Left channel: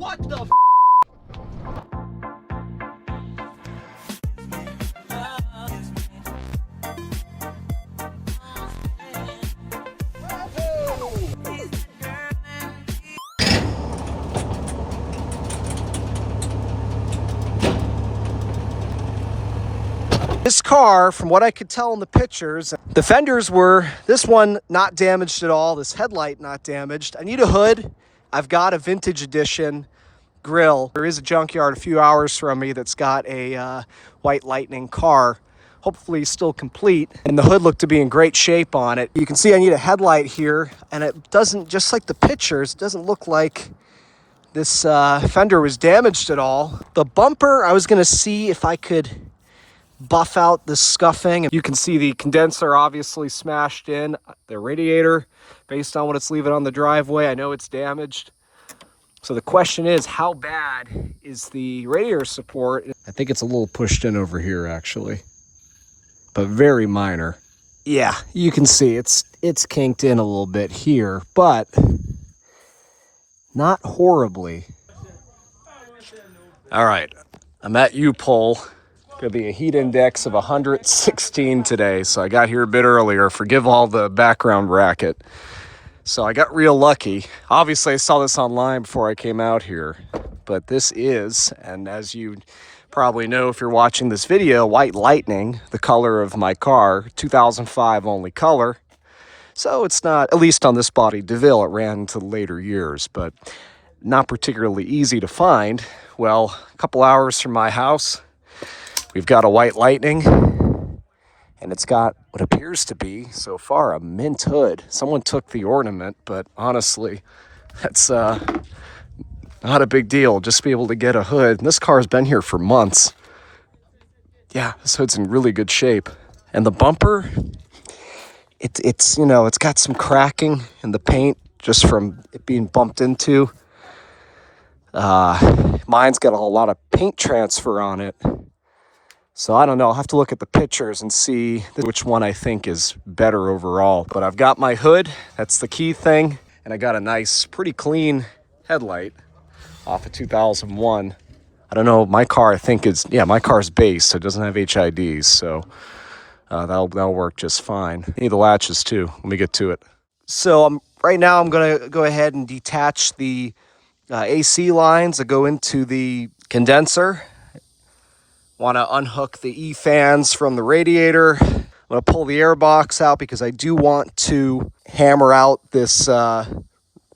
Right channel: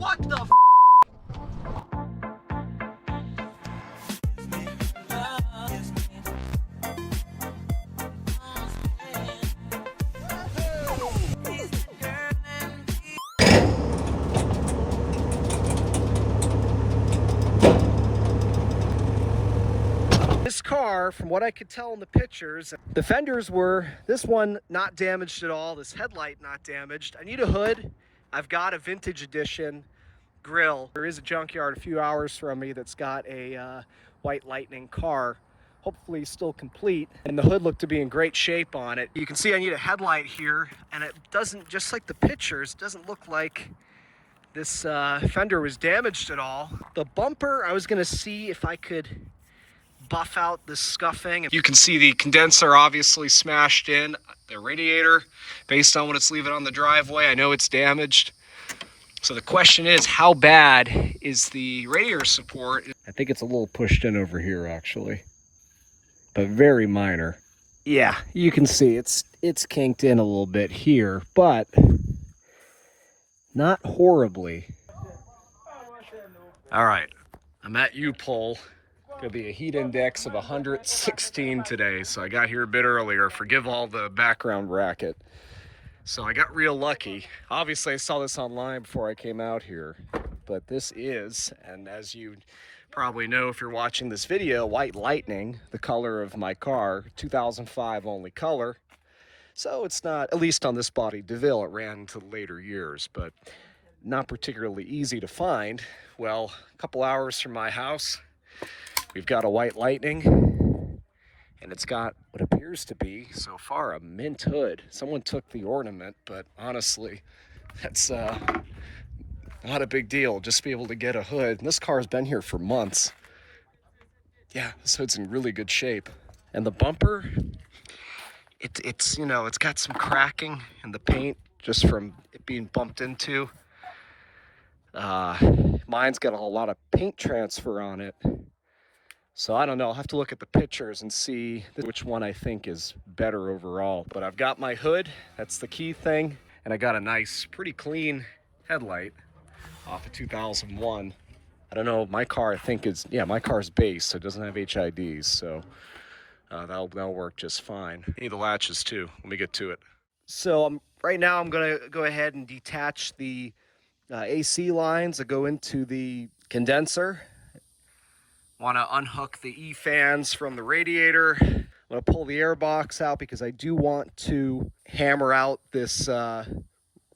What the f? This car, from what I could tell in the pictures, the fenders were, this one not damaged at all, this headlight not damaged. I need a hood. I've got a vintage edition grill. There is a junkyard a few hours from me that's got a White Lightning car, hopefully still complete, and the hood looked to be in great shape on it. You can see I need a headlight here, and it doesn't, just like the pictures, it doesn't look like this fender was damaged at all. The bumper, I was gonna see if I could buff out the scuffing. You can see the condenser obviously smashed in. The radiator, based on what it's leaving on the driveway, I know it's damaged. So the question is, how bad is the radiator support? I think it's a little pushed in over here actually, but very minor. Yeah, you can see it's kinked in a little bit here, but not horribly. All right, I'm at U-Pole. Gonna be a heat index of 116 today, so I got here a bit earlier. Forgive all the background racket. So I got real lucky. Obviously I saw this online before I came out here, but this is, and as you probably know if you're watching this video, White Lightning, the color of my car, 2005 only color. So it's not, at least on this body, Deville, it ran into later years, but not particularly easy to find. Well, a couple hours from my house, we've got a White Lightning, and it's got what appears to be, so far, a mint hood. Someone took the ornament, but honestly, that's not a big deal. Just to be able to get a hood. And this car's been here for months. Yeah, this hood's in really good shape. And the bumper, it's you know, it's got some cracking in the paint just from it being bumped into. Mine's got a lot of paint transfer on it. So I don't know, I'll have to look at the pictures and see which one I think is better overall. But I've got my hood, that's the key thing. And I got a nice, pretty clean headlight off of 2001. I don't know, my car I think is, yeah, my car's base, so it doesn't have HIDs. So that'll work just fine. I need the latches too, let me get to it. So right now I'm gonna go ahead and detach the AC lines that go into the condenser. Want to unhook the E-fans from the radiator. I'm going to pull the air box out because I do want to hammer out this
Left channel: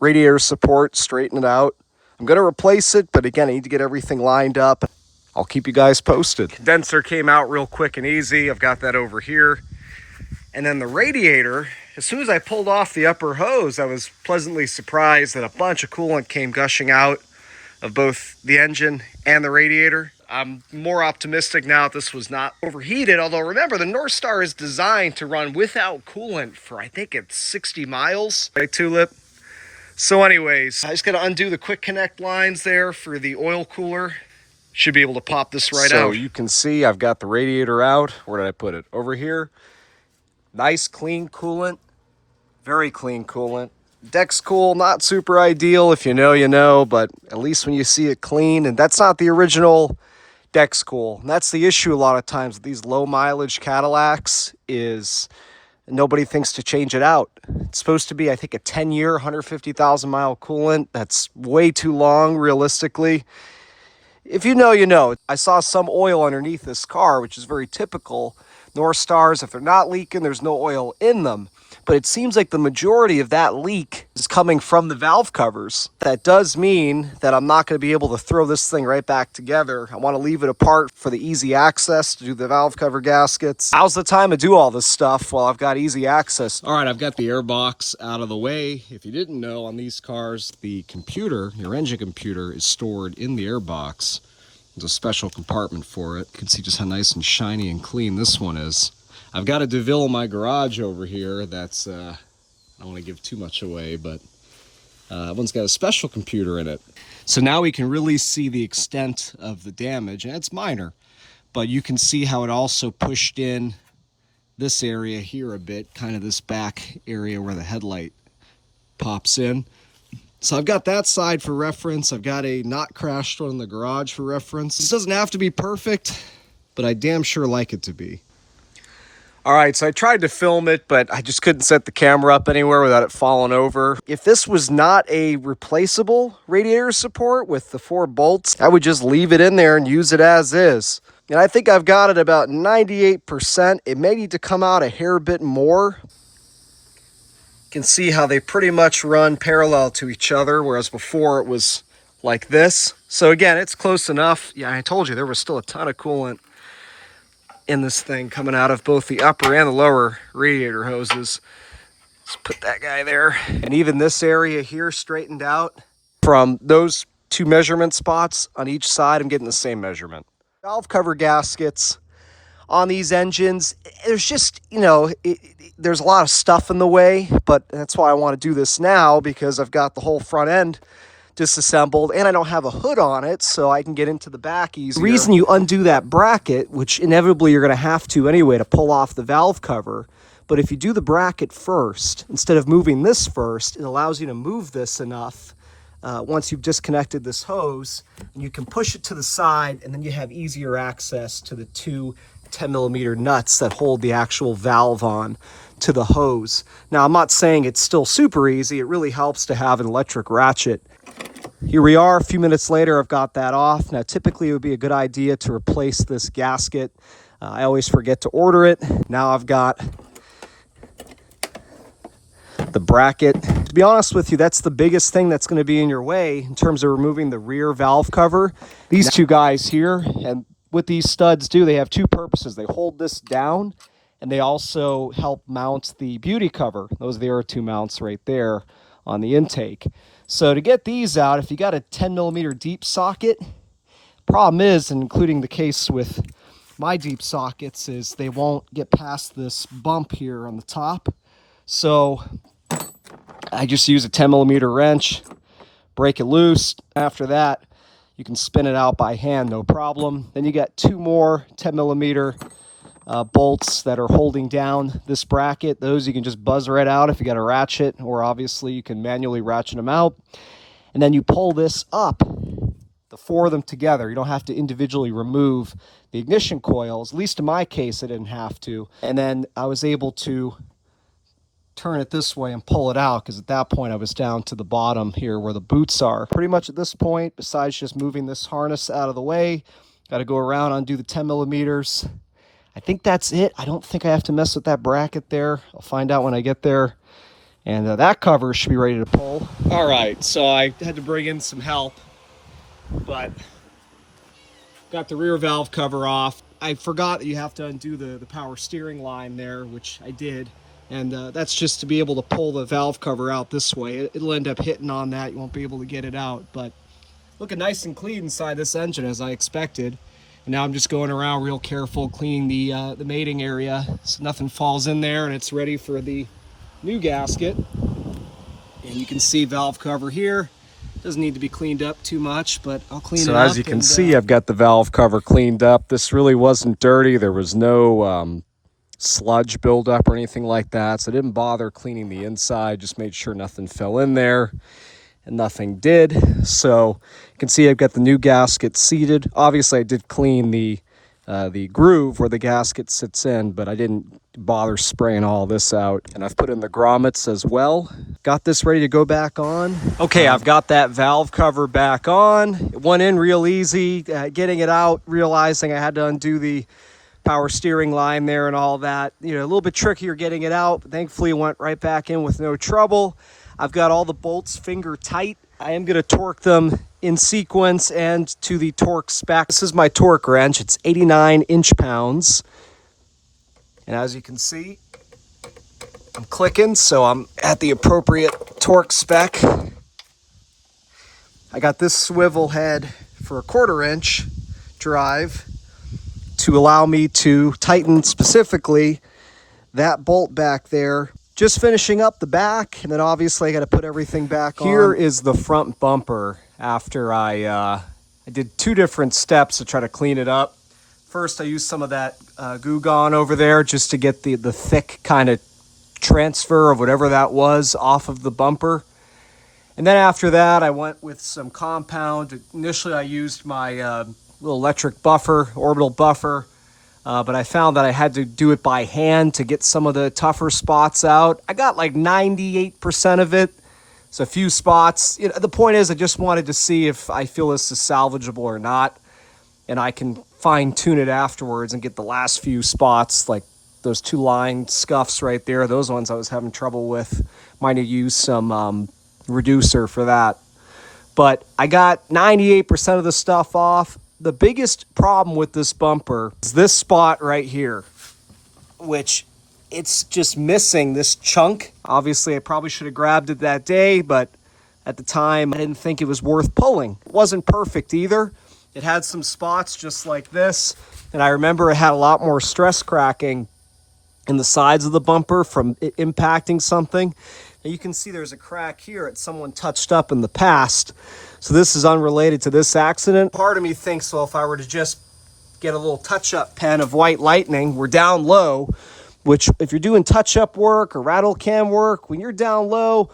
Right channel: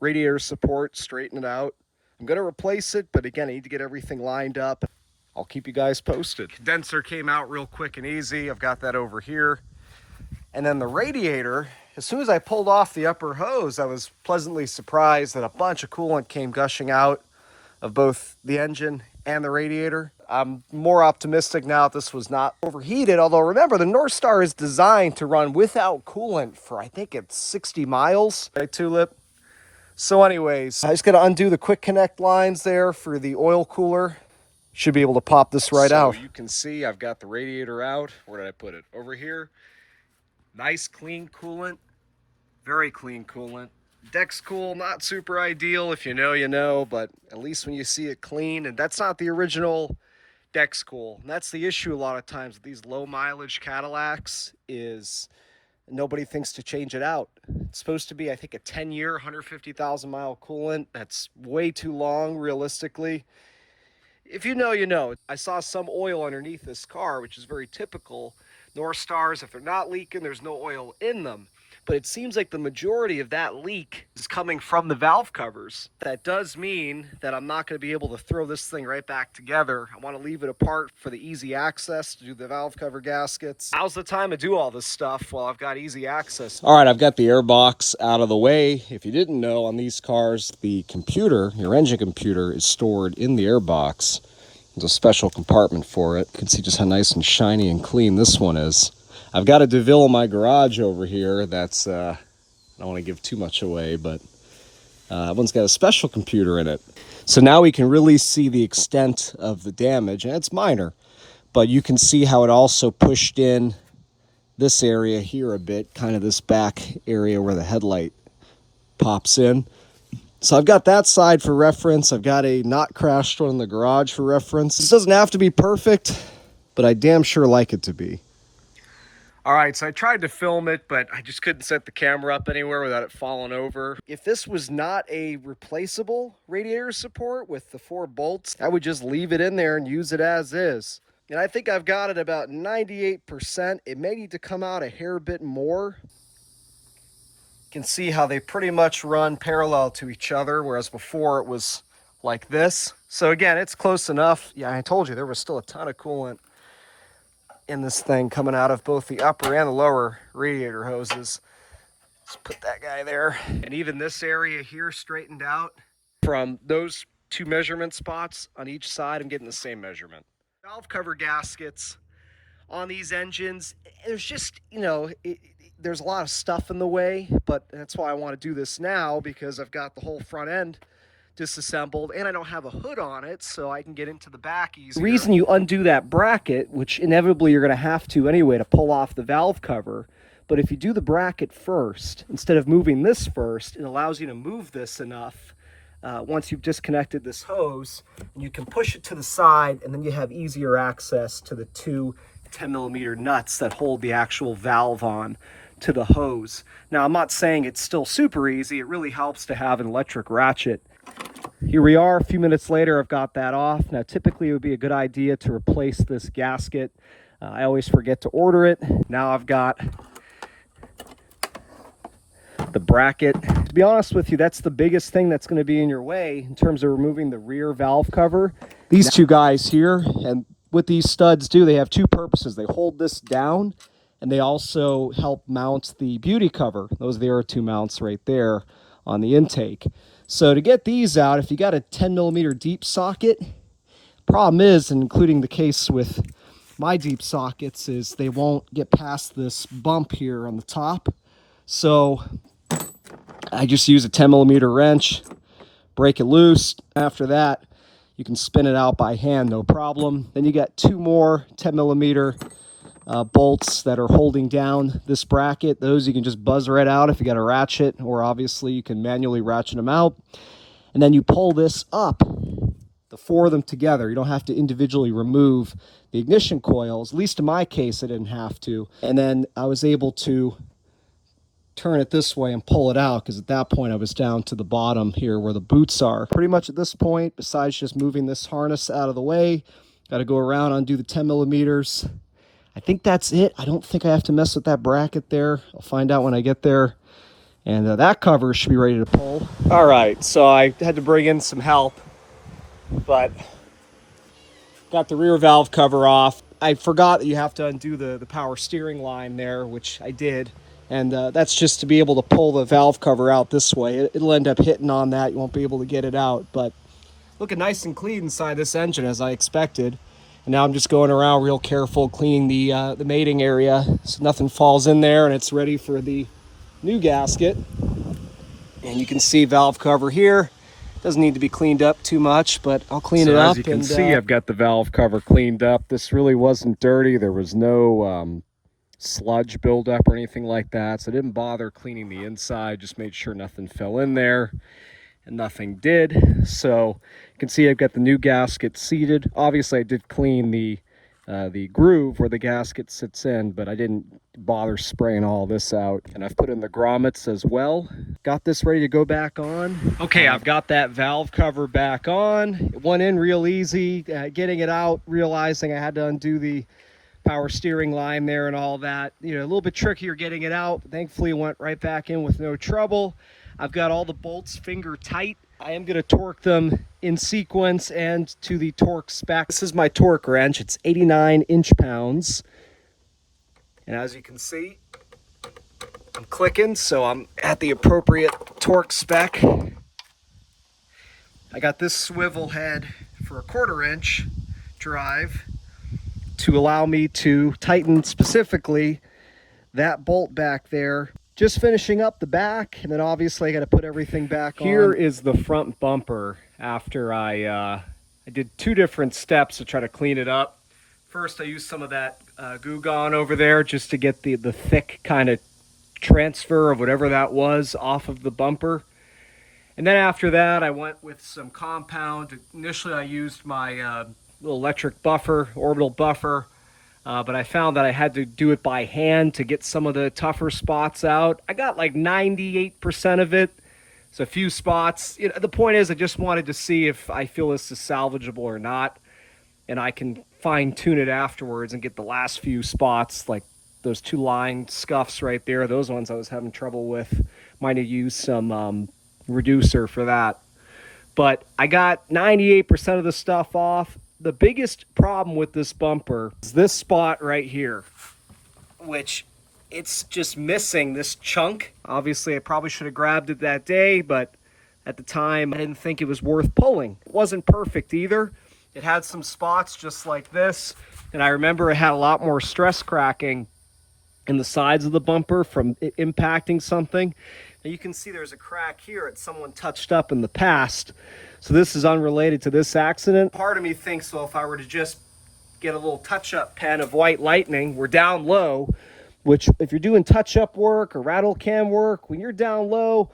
radiator support, straighten it out. I'm going to replace it, but again, I need to get everything lined up. I'll keep you guys posted. Condenser came out real quick and easy. I've got that over here. And then the radiator, as soon as I pulled off the upper hose, I was pleasantly surprised that a bunch of coolant came gushing out of both the engine and the radiator. I'm more optimistic now that this was not overheated, although remember, the North Star is designed to run without coolant for, I think it's 60 miles. Right, Tulip? So anyways, I just got to undo the quick connect lines there for the oil cooler. Should be able to pop this right out. So you can see I've got the radiator out. Where did I put it? Over here. Nice clean coolant. Very clean coolant. Deck's cool, not super ideal. If you know, you know, but at least when you see it clean, and that's not the original deck's cool. And that's the issue a lot of times with these low mileage Cadillacs is nobody thinks to change it out. It's supposed to be, I think, a 10-year, 150,000 mile coolant. That's way too long, realistically. If you know, you know. I saw some oil underneath this car, which is very typical. North Stars, if they're not leaking, there's no oil in them. But it seems like the majority of that leak is coming from the valve covers. That does mean that I'm not going to be able to throw this thing right back together. I want to leave it apart for the easy access to do the valve cover gaskets. Now's the time to do all this stuff while I've got easy access. All right, I've got the air box out of the way. If you didn't know, on these cars, the computer, your engine computer, is stored in the air box. There's a special compartment for it. You can see just how nice and shiny and clean this one is. I've got a Deville in my garage over here that's, I don't want to give too much away, but one's got a special computer in it. So now we can really see the extent of the damage, and it's minor, but you can see how it also pushed in this area here a bit, kind of this back area where the headlight pops in. So I've got that side for reference. I've got a not crashed one in the garage for reference. This doesn't have to be perfect, but I damn sure like it to be. All right, so I tried to film it, but I just couldn't set the camera up anywhere without it falling over. If this was not a replaceable radiator support with the 4 bolts, I would just leave it in there and use it as is. And I think I've got it about 98%. It may need to come out a hair bit more. You can see how they pretty much run parallel to each other, whereas before it was like this. So again, it's close enough. Yeah, I told you there was still a ton of coolant in this thing coming out of both the upper and the lower radiator hoses. Let's put that guy there. And even this area here straightened out. From those 2 measurement spots on each side, I'm getting the same measurement. Valve cover gaskets on these engines, there's just, you know, there's a lot of stuff in the way, but that's why I want to do this now, because I've got the whole front end disassembled and I don't have a hood on it, so I can get into the back easier. The reason you undo that bracket, which inevitably you're going to have to anyway to pull off the valve cover, but if you do the bracket first, instead of moving this first, it allows you to move this enough once you've disconnected this hose, and you can push it to the side, and then you have easier access to the 2 10mm nuts that hold the actual valve on to the hose. Now, I'm not saying it's still super easy. It really helps to have an electric ratchet. Here we are, a few minutes later, I've got that off. Now, typically it would be a good idea to replace this gasket. I always forget to order it. Now I've got the bracket. To be honest with you, that's the biggest thing that's going to be in your way in terms of removing the rear valve cover. These 2 guys here, and what these studs do, they have 2 purposes. They hold this down, and they also help mount the beauty cover. Those are the 2 mounts right there on the intake. So to get these out, if you got a 10mm deep socket, problem is, including the case with my deep sockets, is they won't get past this bump here on the top. So I just use a 10mm wrench, break it loose. After that, you can spin it out by hand, no problem. Then you got 2 more 10mm bolts that are holding down this bracket. Those you can just buzz right out if you got a ratchet, or obviously you can manually ratchet them out. And then you pull this up, the 4 of them together. You don't have to individually remove the ignition coils. At least in my case, I didn't have to. And then I was able to turn it this way and pull it out, because at that point I was down to the bottom here where the boots are. Pretty much at this point, besides just moving this harness out of the way, got to go around, undo the 10mm. I think that's it. I don't think I have to mess with that bracket there. I'll find out when I get there. And that cover should be ready to pull. All right, so I had to bring in some help, but got the rear valve cover off. I forgot that you have to undo the power steering line there, which I did. And that's just to be able to pull the valve cover out this way. It'll end up hitting on that. You won't be able to get it out. But looking nice and clean inside this engine, as I expected. And now I'm just going around real careful, cleaning the mating area so nothing falls in there, and it's ready for the new gasket. And you can see valve cover here. Doesn't need to be cleaned up too much, but I'll clean it up. So as you can see, I've got the valve cover cleaned up. This really wasn't dirty. There was no sludge buildup or anything like that, so I didn't bother cleaning the inside. Just made sure nothing fell in there, and nothing did. So you can see I've got the new gasket seated. Obviously I did clean the groove where the gasket sits in, but I didn't bother spraying all this out. And I've put in the grommets as well. Got this ready to go back on. Okay, I've got that valve cover back on. It went in real easy. Getting it out, realizing I had to undo the power steering line there and all that. You know, a little bit trickier getting it out, but thankfully it went right back in with no trouble. I've got all the bolts finger tight. I am going to torque them in sequence and to the torque spec. This is my torque wrench. It's 89 inch-pounds. And as you can see, I'm clicking, so I'm at the appropriate torque spec. I got this swivel head for a 1/4 inch drive to allow me to tighten specifically that bolt back there. Just finishing up the back, and then obviously I got to put everything back on. Here is the front bumper after I did 2 different steps to try to clean it up. First, I used some of that Goo Gone over there just to get the thick kind of transfer of whatever that was off of the bumper. And then after that, I went with some compound. Initially, I used my little electric buffer, orbital buffer, but I found that I had to do it by hand to get some of the tougher spots out. I got like 98% of it. So a few spots. You know, the point is, I just wanted to see if I feel this is salvageable or not. And I can fine tune it afterwards and get the last few spots, like those two line scuffs right there. Those ones I was having trouble with. Might have used some reducer for that. But I got 98% of the stuff off. The biggest problem with this bumper is this spot right here, which it's just missing this chunk. Obviously, I probably should have grabbed it that day, but at the time, I didn't think it was worth pulling. It wasn't perfect either. It had some spots just like this, and I remember it had a lot more stress cracking in the sides of the bumper from it impacting something. Now you can see there's a crack here that someone touched up in the past. So this is unrelated to this accident. Part of me thinks, well, if I were to just get a little touch-up pen of white lightning, we're down low, which if you're doing touch-up work or rattle can work, when you're down low,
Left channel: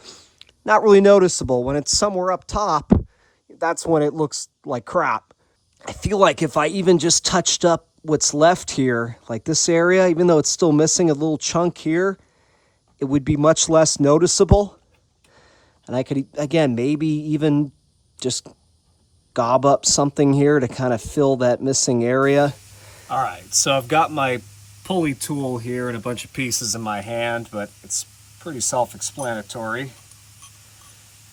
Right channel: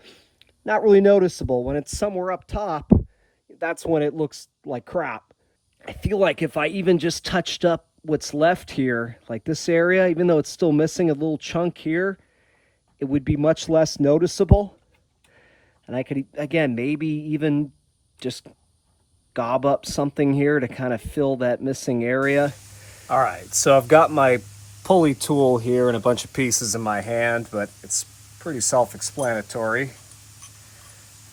not really noticeable. When it's somewhere up top, that's when it looks like crap. I feel like if I even just touched up what's left here, like this area, even though it's still missing a little chunk here, it would be much less noticeable. And I could, again, maybe even just gob up something here to kind of fill that missing area. All right, so I've got my pulley tool here and a bunch of pieces in my hand, but it's pretty self-explanatory.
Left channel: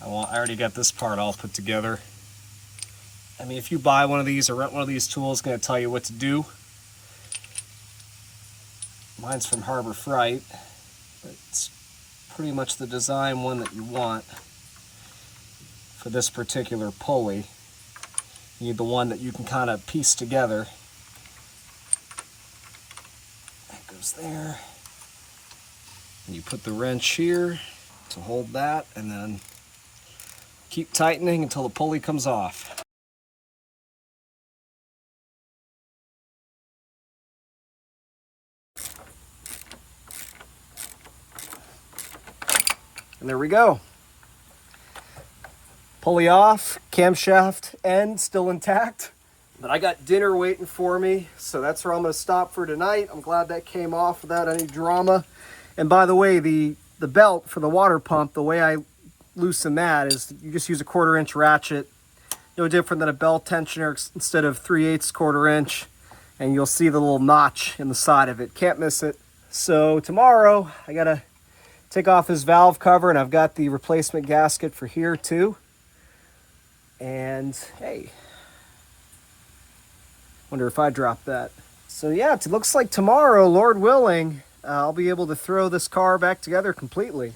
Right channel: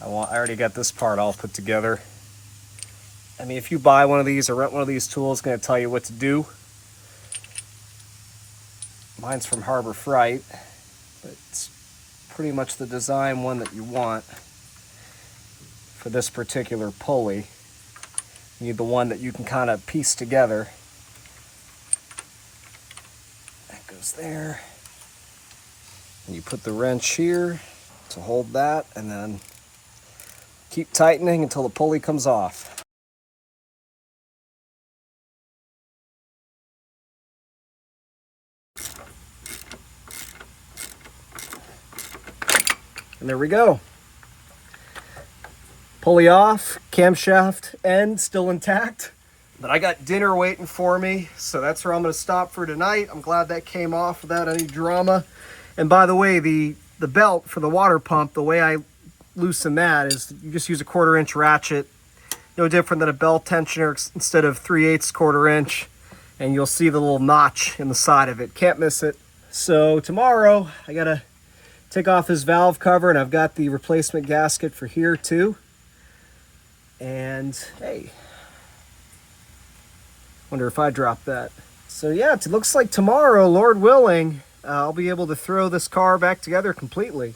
I already got this part all put together. I mean, if you buy one of these or rent one of these tools, it's going to tell you what to do. Mine's from Harbor Freight, but it's pretty much the design one that you want for this particular pulley. You need the one that you can kind of piece together. That goes there. And you put the wrench here to hold that, and then keep tightening until the pulley comes off. And there we go. Pulley off, camshaft end still intact. But I got dinner waiting for me, so that's where I'm going to stop for tonight. I'm glad that came off without any drama. And by the way, the belt for the water pump, the way I loosen that is you just use a 1/4 inch ratchet. No different than a belt tensioner instead of 3/8 1/4 inch. And you'll see the little notch in the side of it. Can't miss it. So tomorrow, I got to take off his valve cover, and I've got the replacement gasket for here too. And hey, wonder if I dropped that. So yeah, it looks like tomorrow, Lord willing, I'll be able to throw this car back together completely.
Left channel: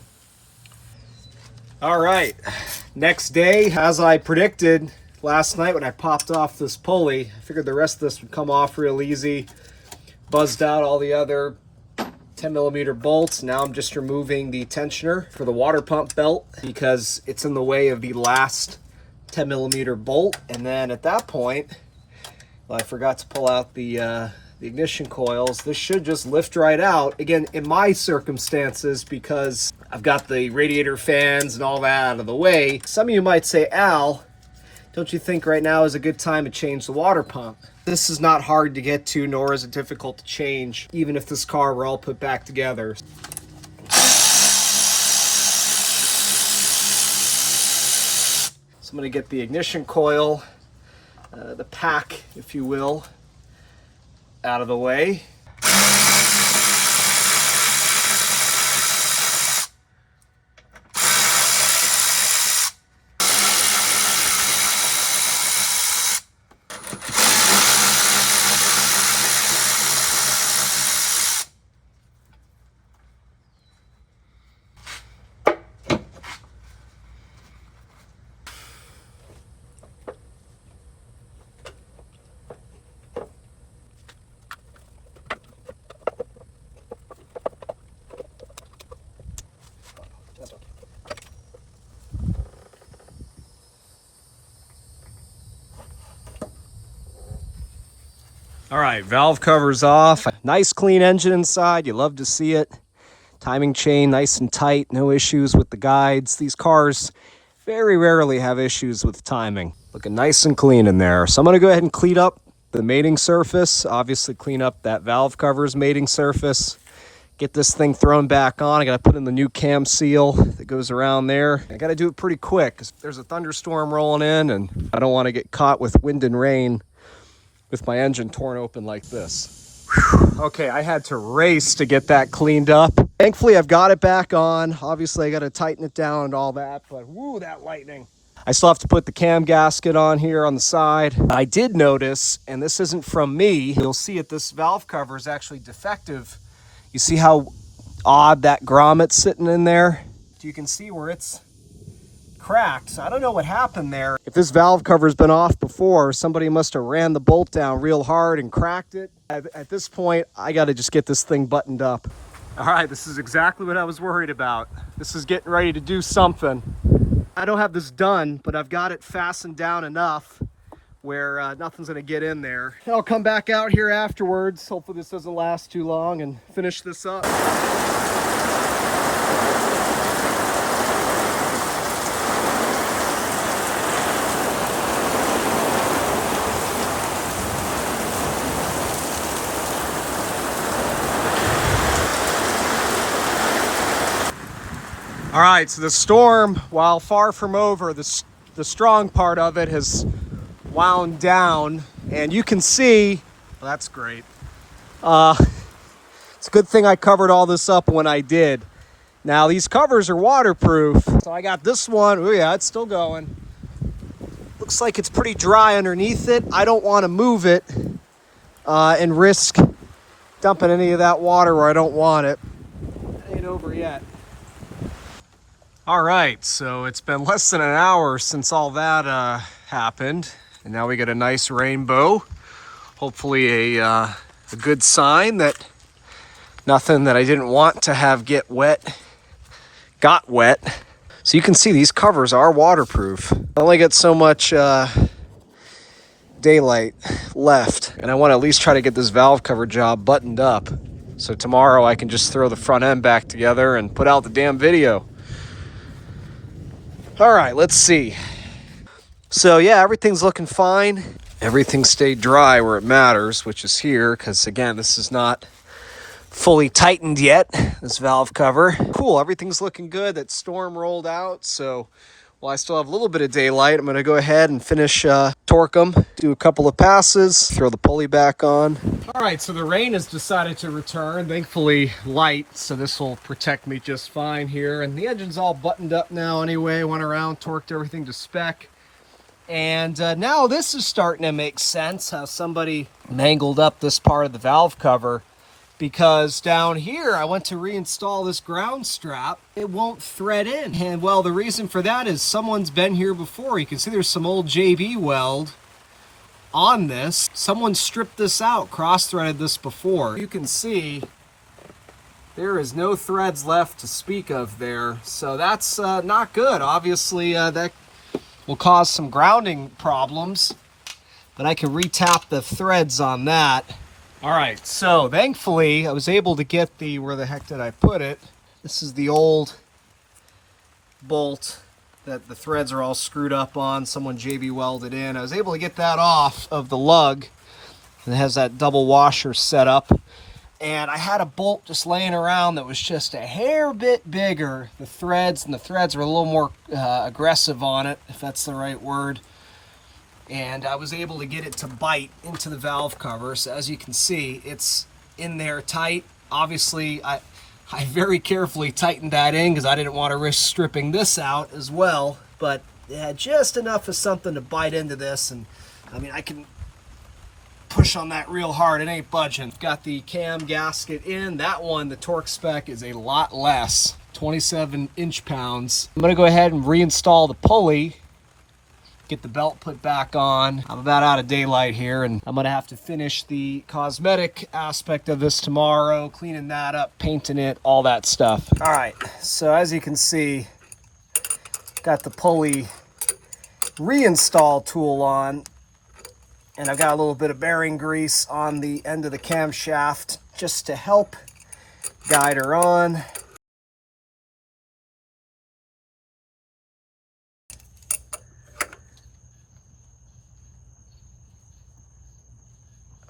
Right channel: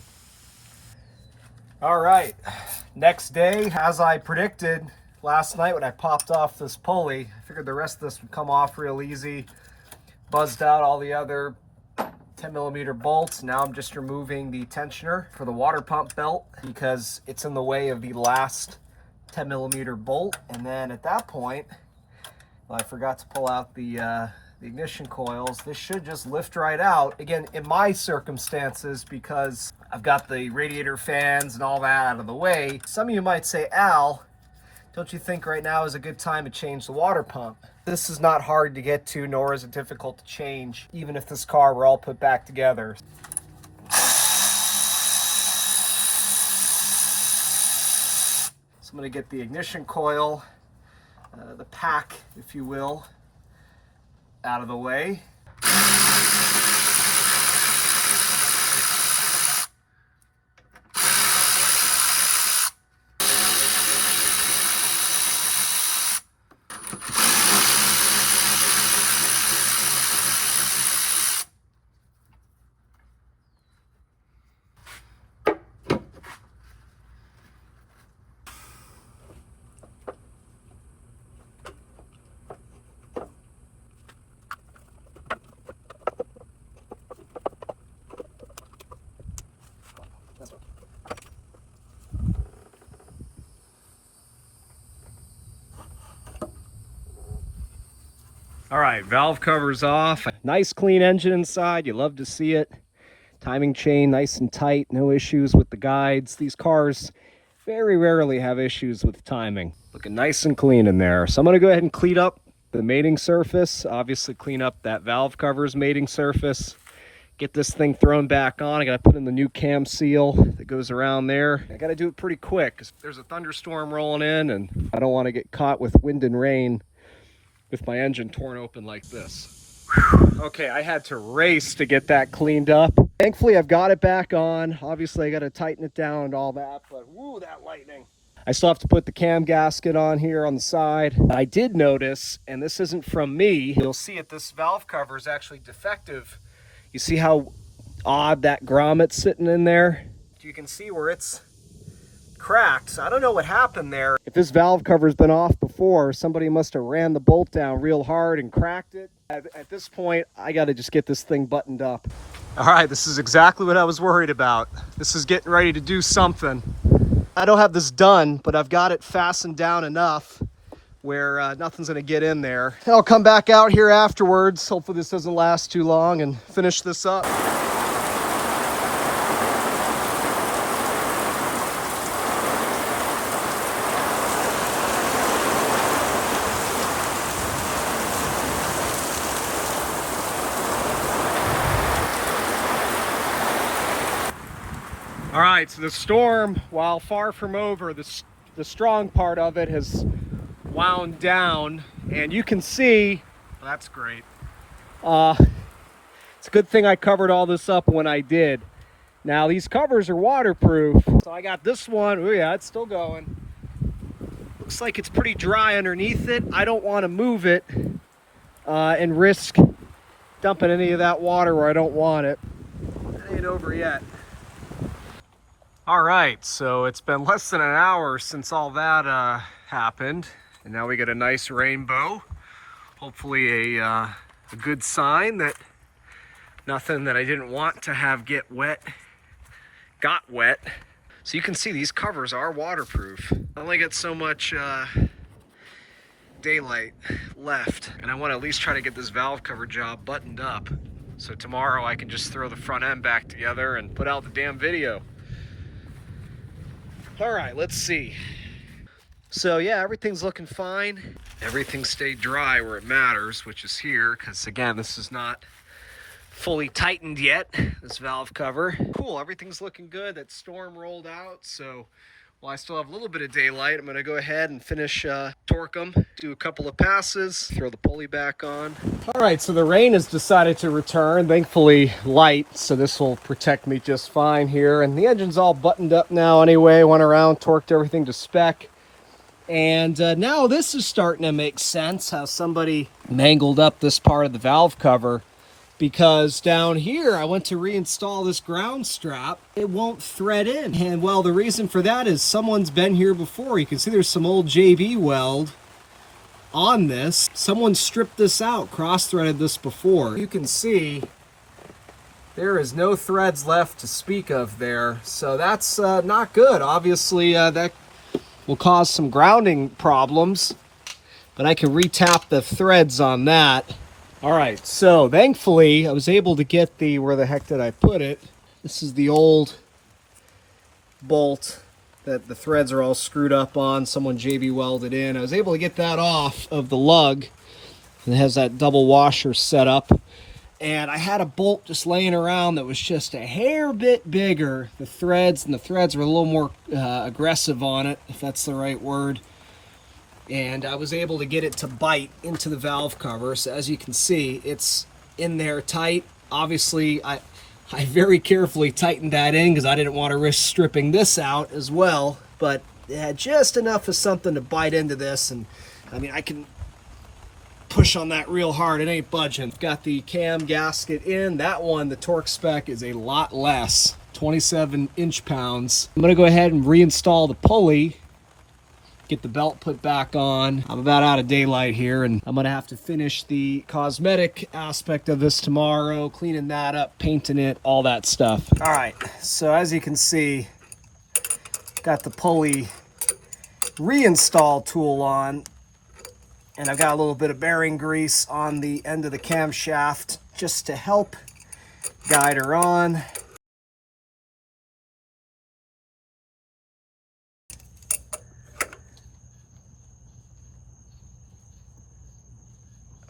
All right, next day, as I predicted last night when I popped off this pulley, I figured the rest of this would come off real easy. Buzzed out all the other 10mm bolts. Now I'm just removing the tensioner for the water pump belt because it's in the way of the last 10mm bolt. And then at that point, well, I forgot to pull out the ignition coils. This should just lift right out. Again, in my circumstances, because I've got the radiator fans and all that out of the way. Some of you might say, Al, don't you think right now is a good time to change the water pump? This is not hard to get to, nor is it difficult to change, even if this car were all put back together. So I'm going to get the ignition coil, the pack, if you will, out of the way. All right, valve cover's off. Nice clean engine inside. You love to see it. Timing chain nice and tight. No issues with the guides. These cars very rarely have issues with timing. Looking nice and clean in there. So I'm gonna go ahead and clean up the mating surface, obviously clean up that valve cover's mating surface, get this thing thrown back on. I gotta put in the new cam seal that goes around there. I gotta do it pretty quick because there's a thunderstorm rolling in and I don't wanna get caught with wind and rain with my engine torn open like this. Whew. Okay, I had to race to get that cleaned up. Thankfully, I've got it back on. Obviously, I gotta tighten it down and all that, but woo, that lightning. I still have to put the cam gasket on here on the side. I did notice, and this isn't from me, you'll see it, this valve cover is actually defective. You see how odd that grommet's sitting in there? You can see where it's cracked. So I don't know what happened there. If this valve cover's been off before, somebody must have ran the bolt down real hard and cracked it. At this point, I gotta just get this thing buttoned up. All right, this is exactly what I was worried about. This is getting ready to do something. I don't have this done, but I've got it fastened down enough where nothing's gonna get in there. I'll come back out here afterwards. Hopefully this doesn't last too long and finish this up. All right, so the storm, while far from over, the strong part of it has wound down, and you can see, well, that's great. It's a good thing I covered all this up when I did. Now, these covers are waterproof. So I got this one. Oh yeah, it's still going. Looks like it's pretty dry underneath it. I don't want to move it and risk dumping any of that water where I don't want it. That ain't over yet. All right, so it's been less than an hour since all that happened, and now we get a nice rainbow. Hopefully a good sign that nothing that I didn't want to have get wet got wet. So you can see these covers are waterproof. I only get so much daylight left, and I want to at least try to get this valve cover job buttoned up so tomorrow I can just throw the front end back together and put out the damn video. All right, let's see. So yeah, everything's looking fine. Everything stayed dry where it matters, which is here, because again, this is not fully tightened yet, this valve cover. Cool, everything's looking good. That storm rolled out, so while I still have a little bit of daylight, I'm gonna go ahead and finish torque them, do a couple of passes, throw the pulley back on. All right, so the rain has decided to return, thankfully light, so this will protect me just fine here. And the engine's all buttoned up now anyway, went around, torqued everything to spec. And now this is starting to make sense, how somebody mangled up this part of the valve cover, because down here I went to reinstall this ground strap. It won't thread in. And well, the reason for that is someone's been here before. You can see there's some old JB weld on this. Someone stripped this out, cross-threaded this before. You can see there is no threads left to speak of there. So that's not good. Obviously that will cause some grounding problems, but I can re-tap the threads on that. All right, so thankfully I was able to get the, where the heck did I put it? This is the old bolt that the threads are all screwed up on. Someone JB welded in. I was able to get that off of the lug. It has that double washer set up. And I had a bolt just laying around that was just a hair bit bigger. The threads were a little more aggressive on it, if that's the right word. And I was able to get it to bite into the valve cover. So as you can see, it's in there tight. Obviously, I very carefully tightened that in because I didn't want to risk stripping this out as well. But it had just enough of something to bite into this. And I mean, I can push on that real hard. It ain't budging. Got the cam gasket in. That one, the torque spec is a lot less, 27 inch-pounds. I'm going to go ahead and reinstall the pulley, get the belt put back on. I'm about out of daylight here, and I'm gonna have to finish the cosmetic aspect of this tomorrow, cleaning that up, painting it, all that stuff. All right, so as you can see, got the pulley reinstall tool on, and I've got a little bit of bearing grease on the end of the camshaft just to help guide her on.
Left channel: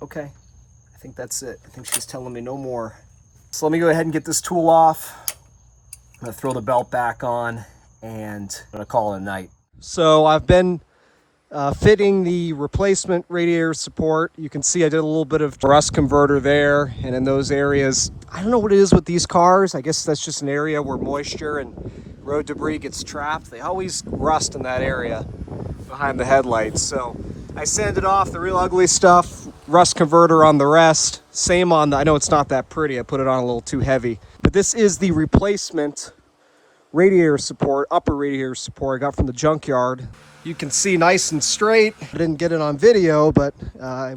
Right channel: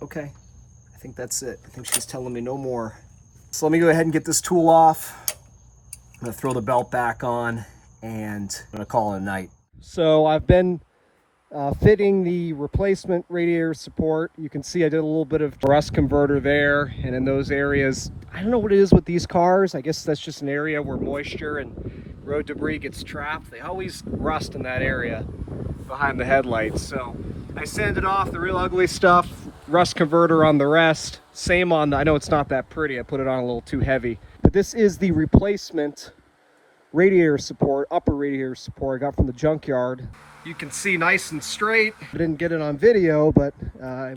Okay, I think that's it. I think she's telling me no more. So let me go ahead and get this tool off. I'm gonna throw the belt back on and I'm gonna call it a night. So I've been fitting the replacement radiator support. You can see I did a little bit of rust converter there, and in those areas, I don't know what it is with these cars. I guess that's just an area where moisture and road debris gets trapped. They always rust in that area behind the headlights. So I sanded off the real ugly stuff, rust converter on the rest. Same on the, I know it's not that pretty, I put it on a little too heavy. But this is the replacement radiator support, upper radiator support I got from the junkyard. You can see nice and straight. I didn't get it on video, but I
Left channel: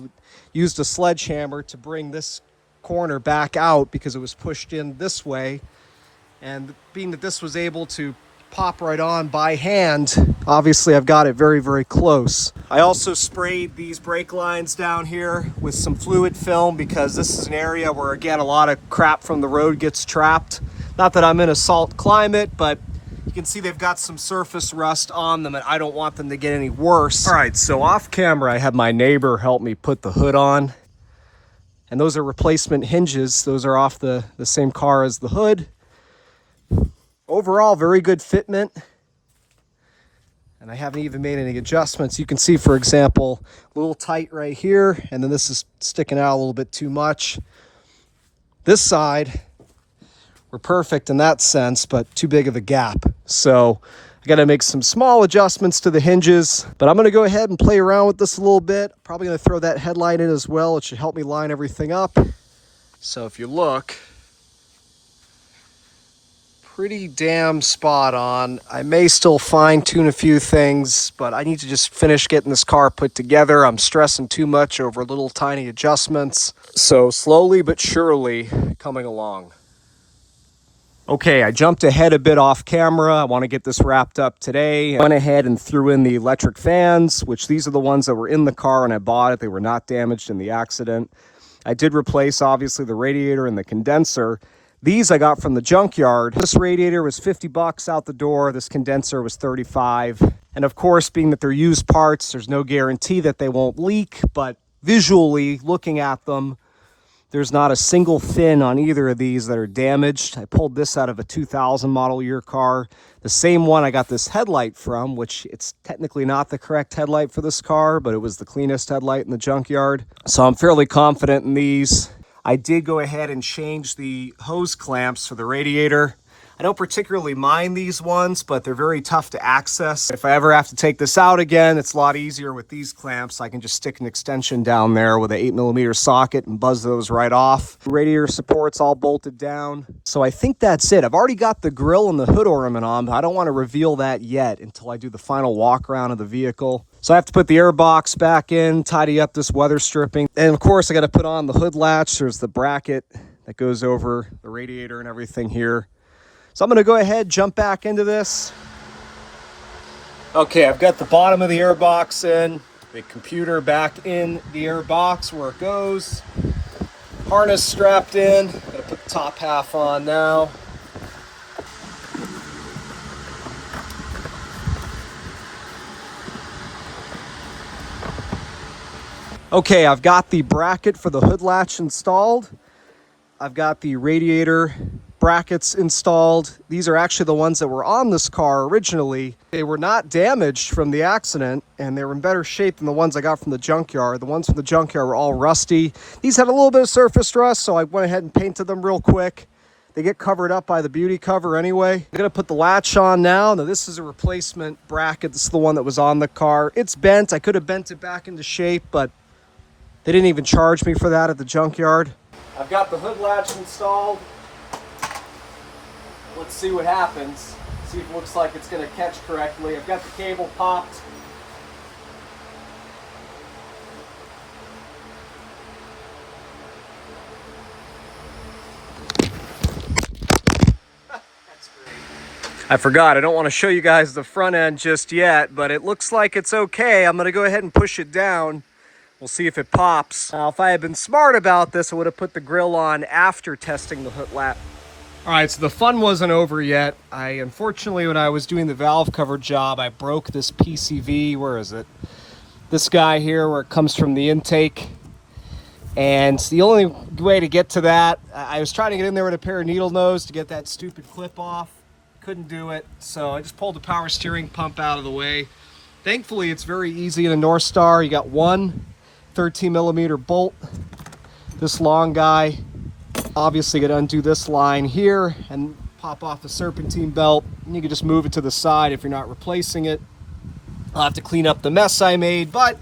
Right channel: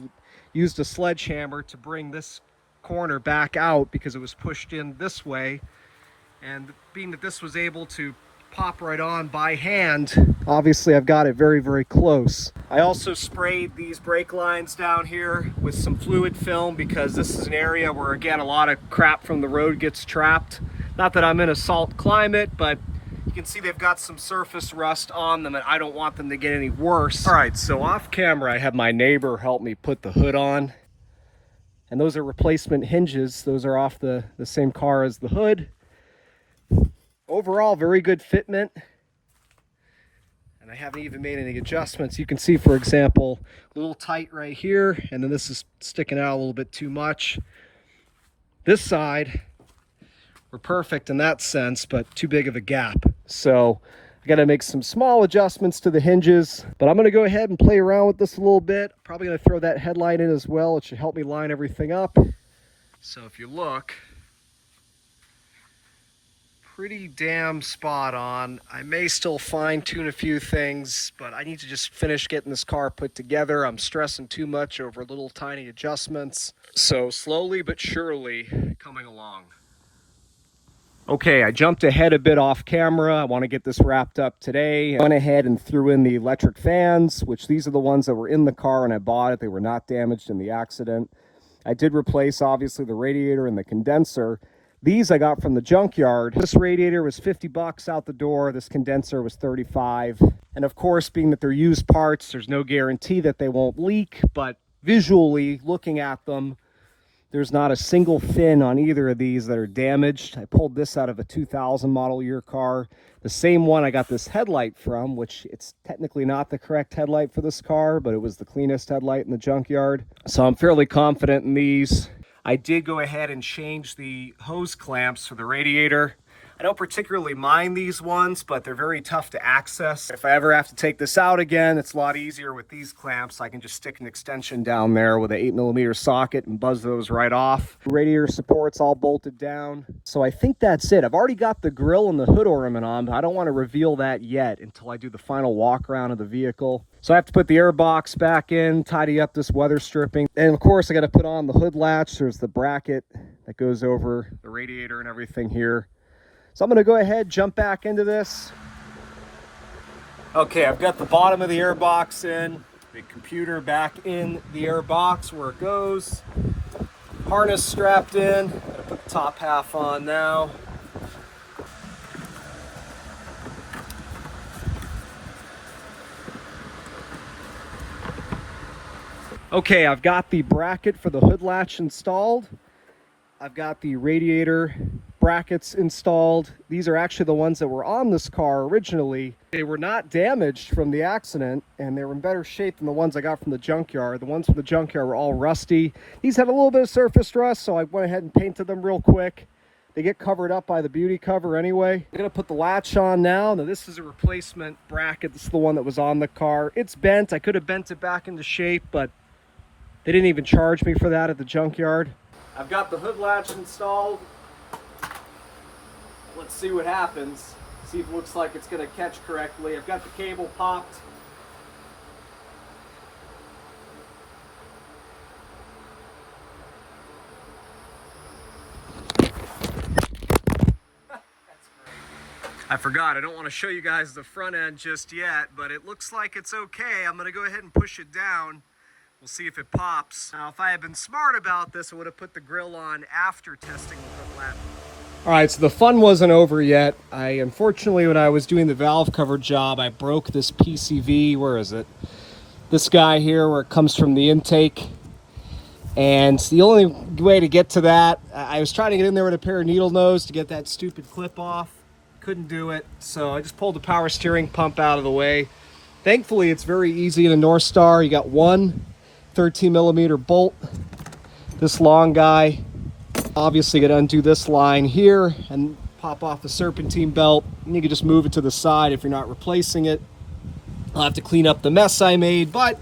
used a sledgehammer to bring this corner back out because it was pushed in this way. And being that this was able to pop right on by hand, obviously I've got it very, very close. I also sprayed these brake lines down here with some fluid film because this is an area where, again, a lot of crap from the road gets trapped. Not that I'm in a salt climate, but you can see they've got some surface rust on them and I don't want them to get any worse. All right, so off camera, I have my neighbor help me put the hood on. And those are replacement hinges. Those are off the same car as the hood. Overall, very good fitment. And I haven't even made any adjustments. You can see, for example, a little tight right here, and then this is sticking out a little bit too much. This side, we're perfect in that sense, but too big of a gap. So I got to make some small adjustments to the hinges, but I'm going to go ahead and play around with this a little bit. Probably going to throw that headlight in as well. It should help me line everything up. So if you look, pretty damn spot on. I may still fine tune a few things, but I need to just finish getting this car put together. I'm stressing too much over little tiny adjustments. So slowly but surely coming along. Okay, I jumped ahead a bit off camera. I want to get this wrapped up today. I went ahead and threw in the electric fans, which these are the ones that were in the car when I bought it. They were not damaged in the accident. I did replace, obviously, the radiator and the condenser. These I got from the junkyard. This radiator was 50 bucks out the door. This condenser was 35. And of course, being that they're used parts, there's no guarantee that they won't leak, but visually looking at them, there's not a single fin on either of these that are damaged. I pulled this out of a 2000 model year car. The same one I got this headlight from, which it's technically not the correct headlight for this car, but it was the cleanest headlight in the junkyard. So I'm fairly confident in these. I did go ahead and change the hose clamps for the radiator. I don't particularly mind these ones, but they're very tough to access. If I ever have to take this out again, it's a lot easier with these clamps. I can just stick an extension down there with an 8mm socket and buzz those right off. Radiator support's all bolted down. So I think that's it. I've already got the grill and the hood ornament on, but I don't want to reveal that yet until I do the final walk around of the vehicle. So I have to put the air box back in, tidy up this weather stripping. And of course, I got to put on the hood latch. There's the bracket that goes over the radiator and everything here. So I'm going to go ahead, jump back into this. Okay, I've got the bottom of the air box in, the computer back in the air box where it goes. Harness strapped in. Got to put the top half on now. Okay, I've got the bracket for the hood latch installed. I've got the radiator brackets installed. These are actually the ones that were on this car originally. They were not damaged from the accident, and they were in better shape than the ones I got from the junkyard. The ones from the junkyard were all rusty. These had a little bit of surface rust, so I went ahead and painted them real quick. They get covered up by the beauty cover anyway. I'm gonna put the latch on now. Now this is a replacement bracket. This is the one that was on the car. It's bent. I could have bent it back into shape, but they didn't even charge me for that at the junkyard. I've got the hood latch installed. Let's see what happens. See if it looks like it's gonna catch correctly. I've got the cable popped. That's great. I forgot, I don't want to show you guys the front end just yet, but it looks like it's okay. I'm gonna go ahead and push it down. We'll see if it pops. Now, if I had been smart about this, I would have put the grill on after testing the hood latch. All right, so the fun wasn't over yet. Unfortunately, when I was doing the valve cover job, I broke this PCV. Where is it? This guy here, where it comes from the intake. And the only way to get to that, I was trying to get in there with a pair of needle nose to get that stupid clip off. Couldn't do it, so I just pulled the power steering pump out of the way. Thankfully, it's very easy in a North Star. You got one 13mm bolt, this long guy. Obviously, gonna undo this line here and pop off the serpentine belt. And you can just move it to the side if you're not replacing it. I'll have to clean up the mess I made, but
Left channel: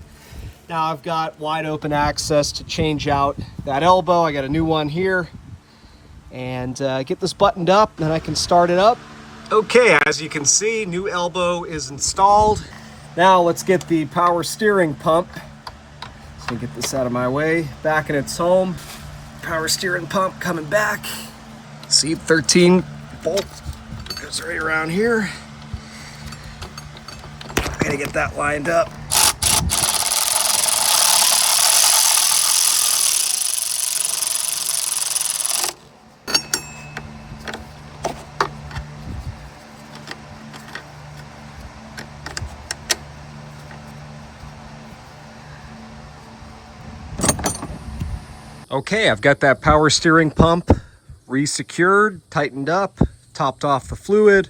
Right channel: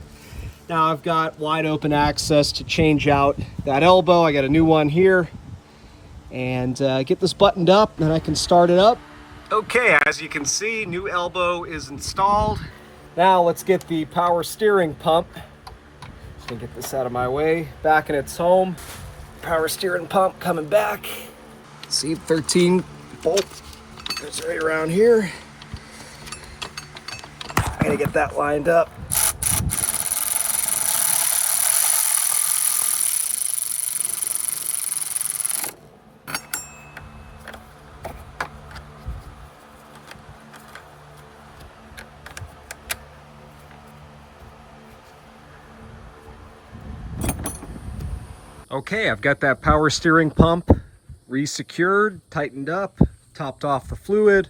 now I've got wide open access to change out that elbow. I got a new one here, and get this buttoned up, and then I can start it up. Okay, as you can see, new elbow is installed. Now let's get the power steering pump. So get this out of my way, back in its home. Power steering pump coming back. See, 13 bolt goes right around here. I gotta get that lined up. Okay, I've got that power steering pump re-secured, tightened up, topped off the fluid.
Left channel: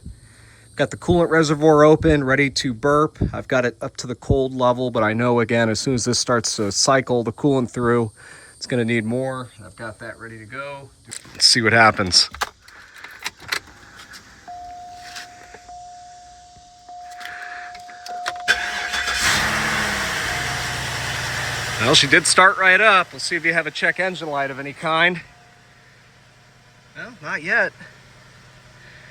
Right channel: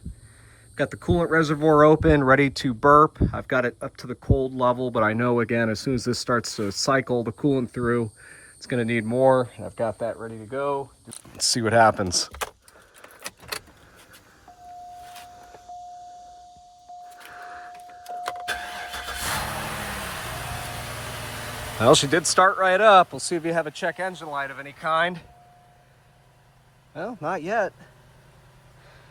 Got the coolant reservoir open, ready to burp. I've got it up to the cold level, but I know, again, as soon as this starts to cycle the coolant through, it's gonna need more. I've got that ready to go. Let's see what happens. Well, she did start right up. We'll see if you have a check engine light of any kind. Well, not yet.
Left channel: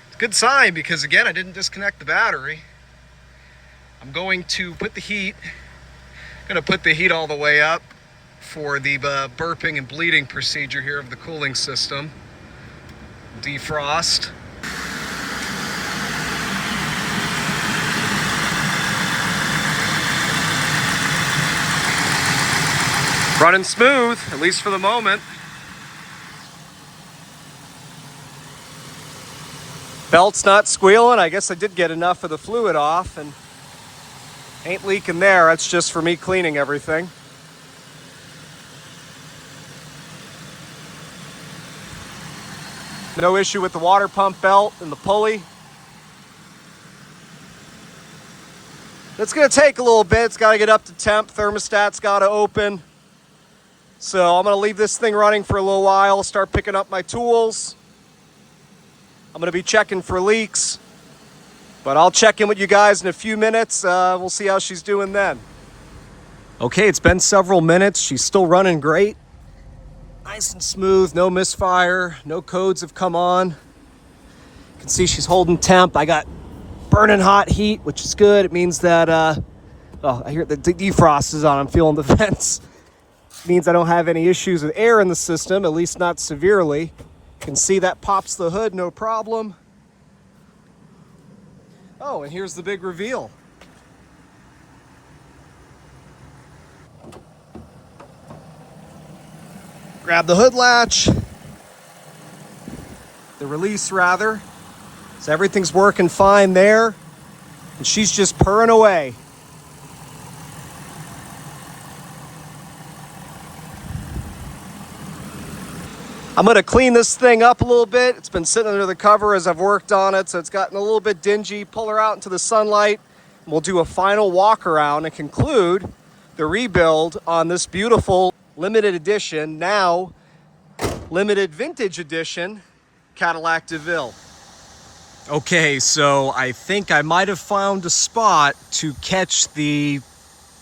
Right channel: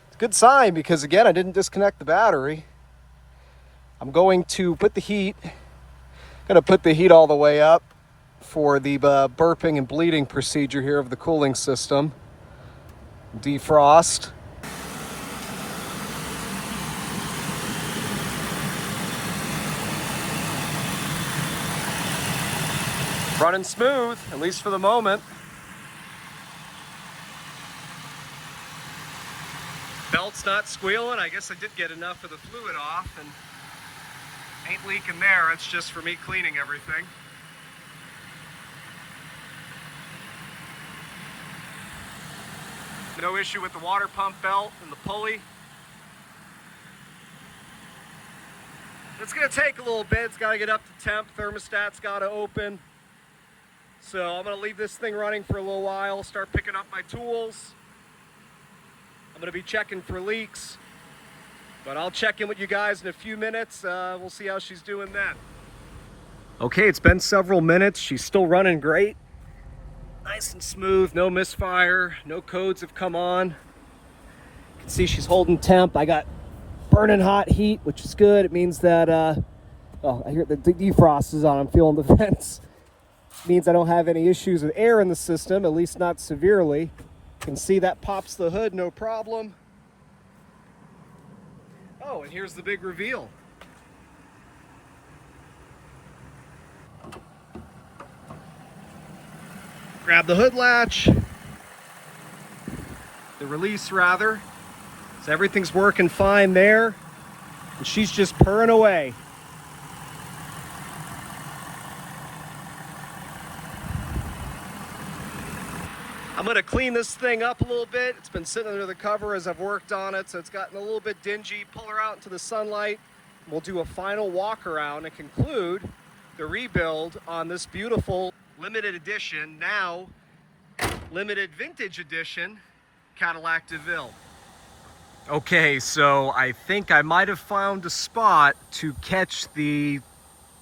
It's a good sign because, again, I didn't disconnect the battery. I'm going to put the heat, all the way up for the burping and bleeding procedure here of the cooling system. Defrost. Running smooth, at least for the moment. Belt's not squealing. I guess I did get enough of the fluid off and ain't leaking there. That's just for me cleaning everything. No issue with the water pump belt and the pulley. It's gonna take a little bit. It's gotta get up to temp. Thermostat's gotta open. So I'm gonna leave this thing running for a little while, start picking up my tools. I'm gonna be checking for leaks, but I'll check in with you guys in a few minutes. We'll see how she's doing then. Okay, it's been several minutes. She's still running great. Nice and smooth, no misfire, no codes have come on. You can see she's holding temp. I got burning hot heat, which is good. It means that, oh, I hear the defrost is on. I'm feeling the vents. Means I don't have any issues with air in the system, at least not severely. You can see that pops the hood, no problem. Oh, and here's the big reveal. Grab the hood latch, the release rather. So everything's working fine there, and she's just purring away. I'm gonna clean this thing up a little bit. It's been sitting under the cover as I've worked on it, so it's gotten a little bit dingy. Pull her out into the sunlight. We'll do a final walk around and conclude the rebuild on this beautiful limited edition, now limited vintage edition Cadillac Deville. Okay, so I think I might have found a spot to catch the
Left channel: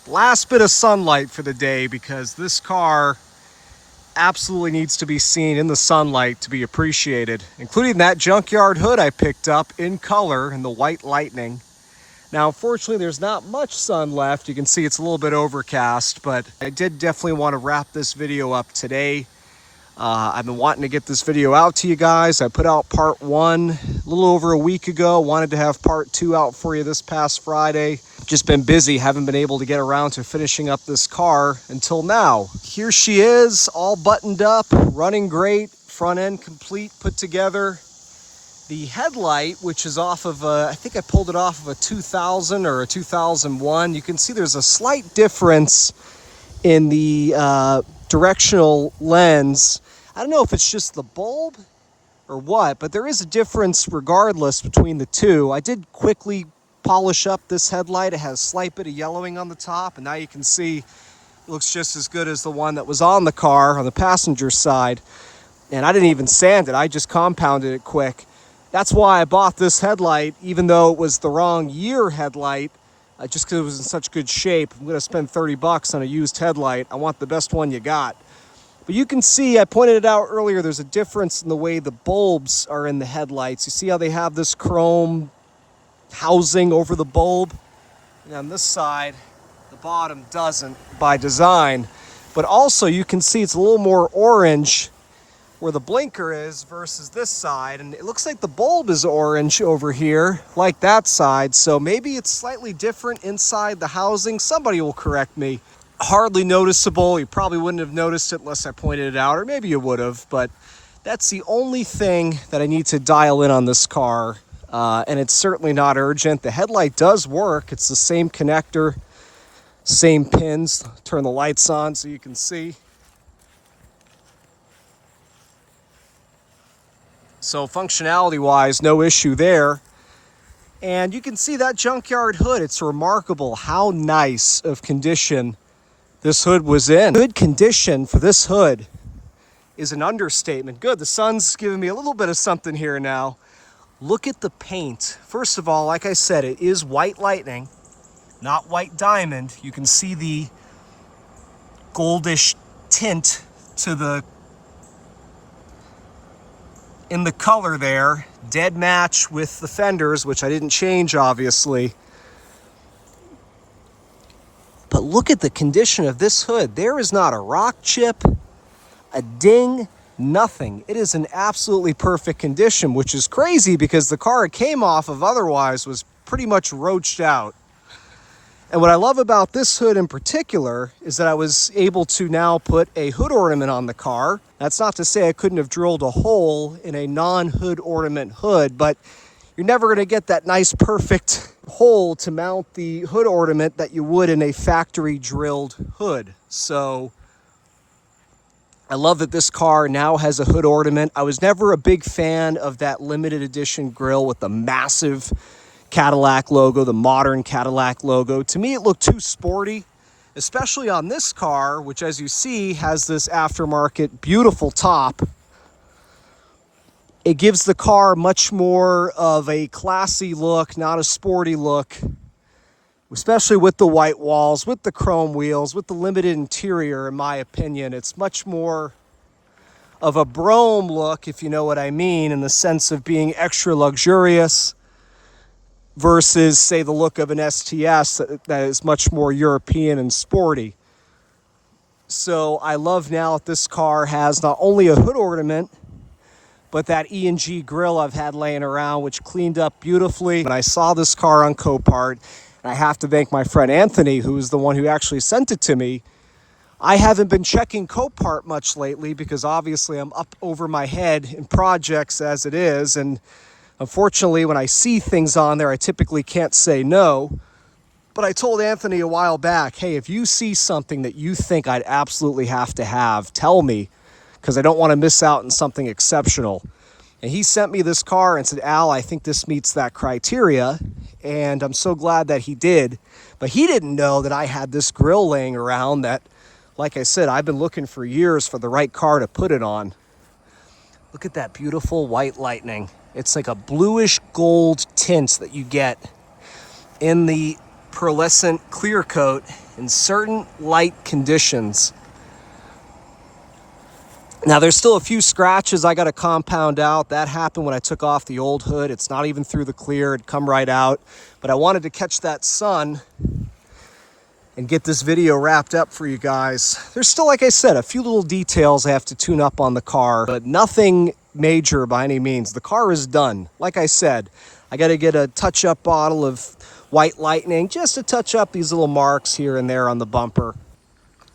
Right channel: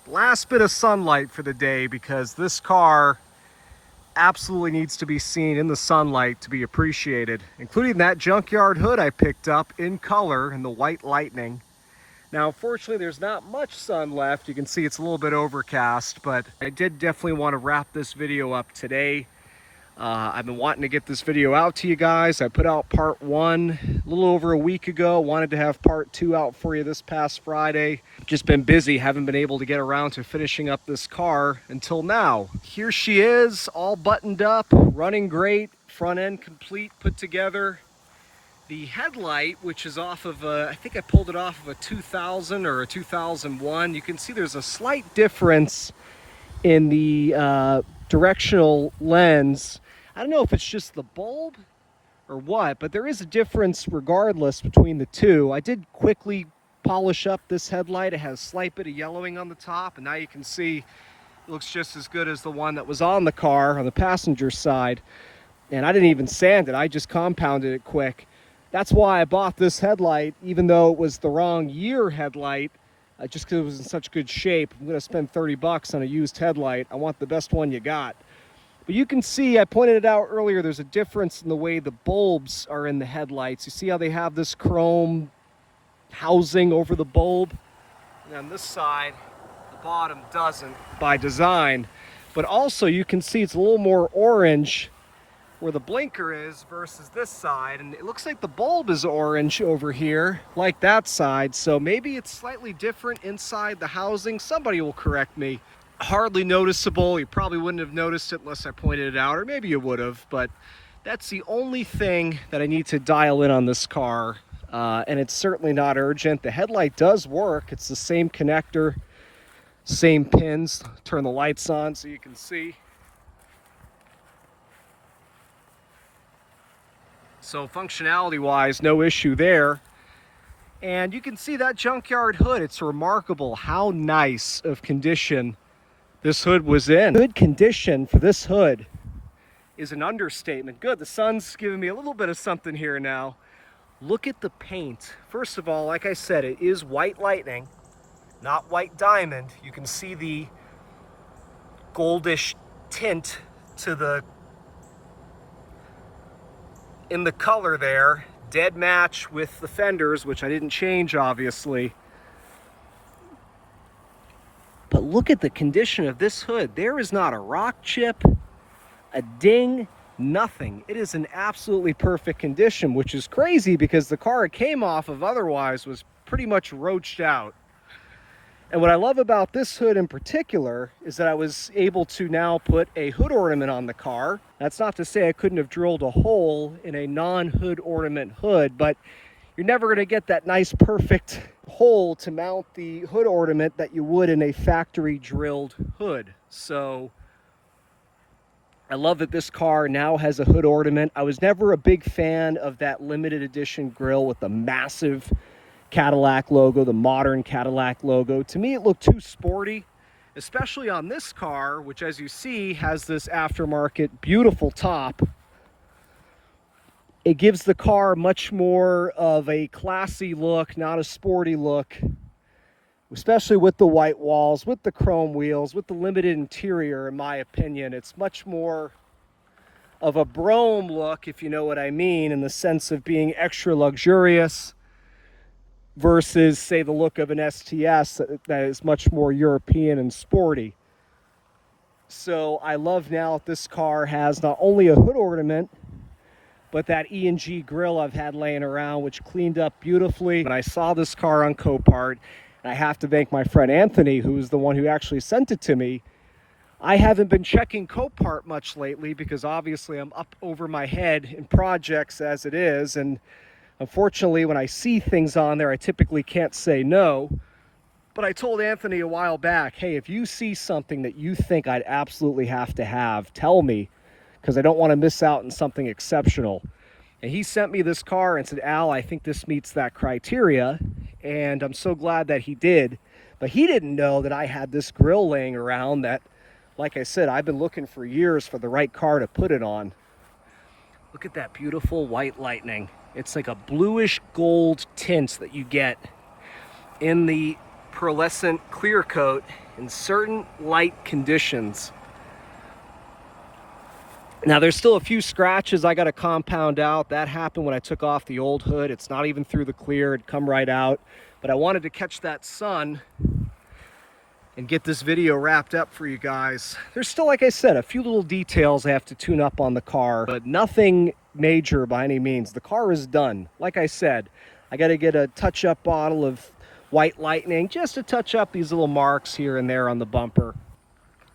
last bit of sunlight for the day, because this car absolutely needs to be seen in the sunlight to be appreciated, including that junkyard hood I picked up in color in the white lightning. Now, unfortunately, there's not much sun left. You can see it's a little bit overcast, but I did definitely want to wrap this video up today. I've been wanting to get this video out to you guys. I put out part 1 a little over a week ago. Wanted to have part 2 out for you this past Friday. Just been busy, haven't been able to get around to finishing up this car until now. Here she is, all buttoned up, running great, front end complete, put together. The headlight, which is off of I think I pulled it off of a 2000 or a 2001. You can see there's a slight difference in the directional lens. I don't know if it's just the bulb or what, but there is a difference regardless between the two. I did quickly polish up this headlight. It has a slight bit of yellowing on the top, and now you can see it looks just as good as the one that was on the car on the passenger side. And I didn't even sand it, I just compounded it quick. That's why I bought this headlight, even though it was the wrong year headlight, just because it was in such good shape. I'm gonna spend 30 bucks on a used headlight. I want the best one you got. But you can see, I pointed it out earlier, there's a difference in the way the bulbs are in the headlights. You see how they have this chrome housing over the bulb? And on this side, the bottom doesn't by design. But also you can see it's a little more orange where the blinker is versus this side. And it looks like the bulb is orange over here, like that side. So maybe it's slightly different inside the housing. Somebody will correct me. Hardly noticeable. You probably wouldn't have noticed it unless I pointed it out, or maybe you would have, but that's the only thing that I need to dial in on this car. And it's certainly not urgent. The headlight does work. It's the same connector, same pins. Turn the lights on so you can see. So functionality wise, no issue there. And you can see that junkyard hood. It's remarkable how nice of condition this hood was in. Good condition for this hood is an understatement. Good, the sun's giving me a little bit of something here now. Look at the paint. First of all, like I said, it is white lightning, not white diamond. You can see the goldish tint to the in the color there. Dead match with the fenders, which I didn't change obviously. But look at the condition of this hood. There is not a rock chip, a ding, nothing. It is in absolutely perfect condition, which is crazy because the car it came off of otherwise was pretty much roached out. And what I love about this hood in particular is that I was able to now put a hood ornament on the car. That's not to say I couldn't have drilled a hole in a non-hood ornament hood, but you're never going to get that nice perfect hole to mount the hood ornament that you would in a factory drilled hood. So I love that this car now has a hood ornament. I was never a big fan of that limited edition grille with the massive Cadillac logo, the modern Cadillac logo. To me, it looked too sporty, especially on this car, which as you see has this aftermarket beautiful top. It gives the car much more of a classy look, not a sporty look, especially with the white walls, with the chrome wheels, with the limited interior, in my opinion. It's much more of a Brougham look, if you know what I mean, in the sense of being extra luxurious versus, say, the look of an STS that is much more European and sporty. So I love now that this car has not only a hood ornament, but that E&G grill I've had laying around, which cleaned up beautifully. When I saw this car on Copart, and I have to thank my friend Anthony, who is the one who actually sent it to me. I haven't been checking Copart much lately because obviously I'm up over my head in projects as it is. And unfortunately, when I see things on there, I typically can't say no. But I told Anthony a while back, hey, if you see something that you think I'd absolutely have to have, tell me, because I don't want to miss out on something exceptional. And he sent me this car and said, Al, I think this meets that criteria. And I'm so glad that he did. But he didn't know that I had this grill laying around that, like I said, I've been looking for years for the right car to put it on. Look at that beautiful white lightning. It's like a bluish gold tint that you get in the pearlescent clear coat in certain light conditions. Now there's still a few scratches I got to compound out. That happened when I took off the old hood. It's not even through the clear, it'd come right out. But I wanted to catch that sun and get this video wrapped up for you guys. There's still, like I said, a few little details I have to tune up on the car, but nothing major by any means. The car is done. Like I said, I got to get a touch-up bottle of white lightning just to touch up these little marks here and there on the bumper.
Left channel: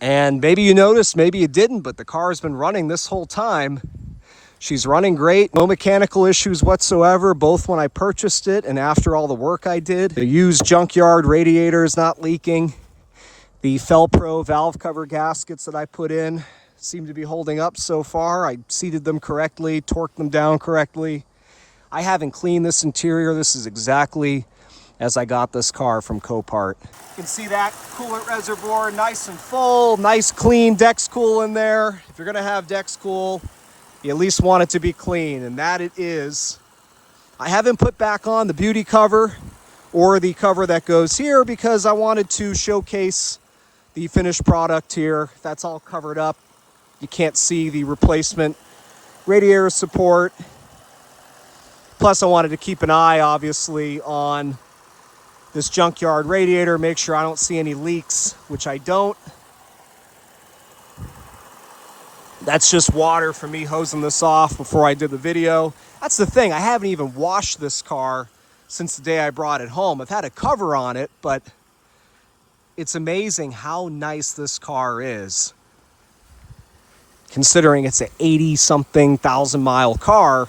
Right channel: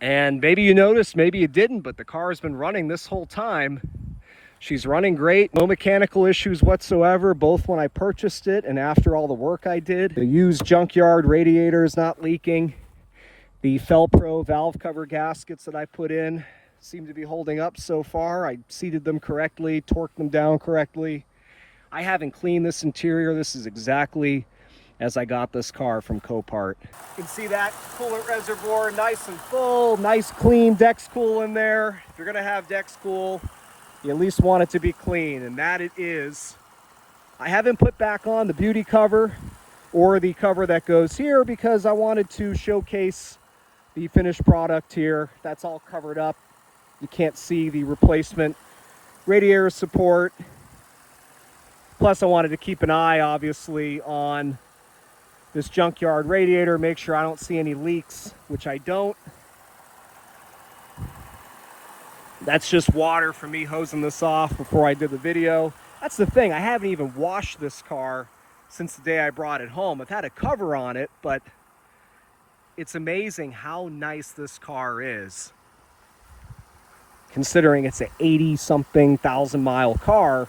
And maybe you noticed, maybe you didn't, but the car has been running this whole time. She's running great, no mechanical issues whatsoever, both when I purchased it and after all the work I did. The used junkyard radiator is not leaking. The Felpro valve cover gaskets that I put in, seem to be holding up so far. I seated them correctly, torqued them down correctly. I haven't cleaned this interior. This is exactly as I got this car from Copart. You can see that coolant reservoir nice and full, nice clean Dex Cool in there. If you're gonna have Dex Cool, you at least want it to be clean, and that it is. I haven't put back on the beauty cover or the cover that goes here because I wanted to showcase the finished product here. That's all covered up. You can't see the replacement radiator support. Plus, I wanted to keep an eye, obviously, on this junkyard radiator, make sure I don't see any leaks, which I don't. That's just water from me hosing this off before I did the video. That's the thing, I haven't even washed this car since the day I brought it home. I've had a cover on it, but it's amazing how nice this car is. Considering it's an 80-something thousand mile car.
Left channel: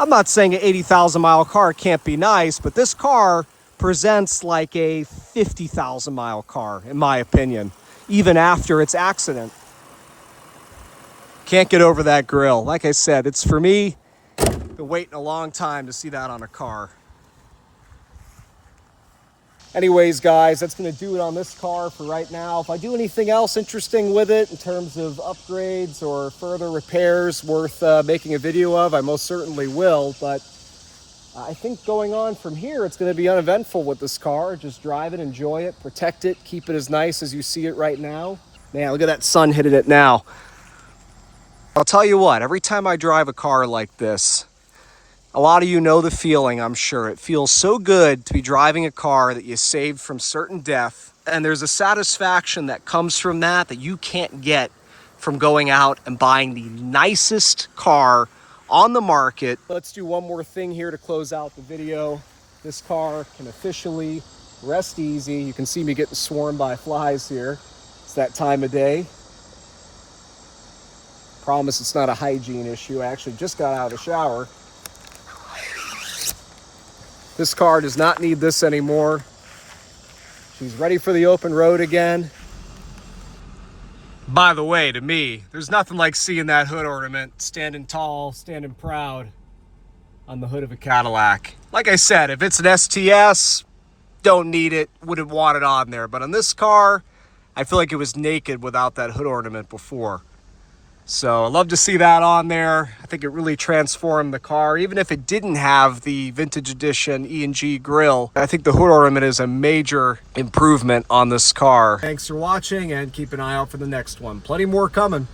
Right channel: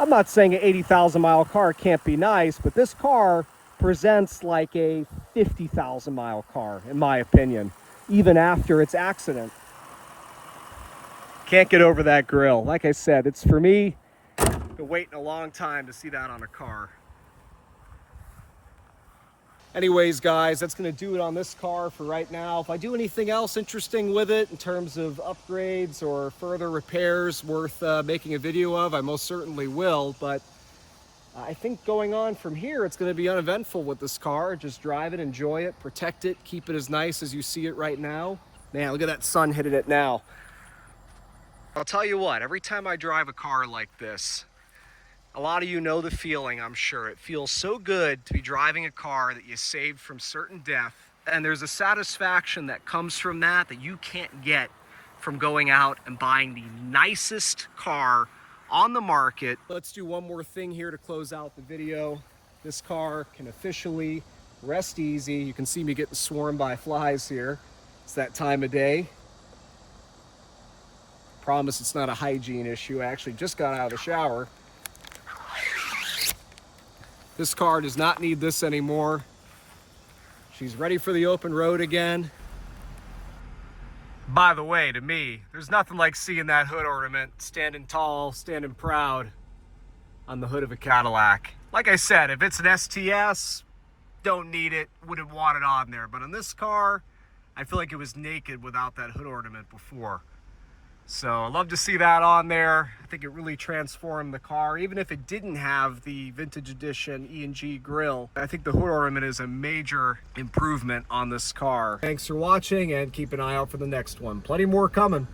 I'm not saying an 80,000 mile car can't be nice, but this car presents like a 50,000 mile car, in my opinion, even after its accident. Can't get over that grill. Like I said, it's for me, been waiting a long time to see that on a car. Anyways, guys, that's going to do it on this car for right now. If I do anything else interesting with it in terms of upgrades or further repairs worth making a video of, I most certainly will. But I think going on from here, it's going to be uneventful with this car. Just drive it, enjoy it, protect it, keep it as nice as you see it right now. Man, look at that sun hitting it now. I'll tell you what, every time I drive a car like this, a lot of you know the feeling, I'm sure. It feels so good to be driving a car that you saved from certain death. And there's a satisfaction that comes from that that you can't get from going out and buying the nicest car on the market. Let's do one more thing here to close out the video. This car can officially rest easy. You can see me getting swarmed by flies here. It's that time of day. Promise it's not a hygiene issue. I actually just got out of the shower. This car does not need this anymore. She's ready for the open road again. By the way, to me, there's nothing like seeing that hood ornament standing tall, standing proud on the hood of a Cadillac. Like I said, if it's an STS, don't need it, wouldn't want it on there. But on this car, I feel like it was naked without that hood ornament before. So I love to see that on there. I think it really transformed the car. Even if it didn't have the vintage edition E&G grille, I think the hood ornament is a major improvement on this car. Thanks for watching and keep an eye out for the next one. Plenty more coming.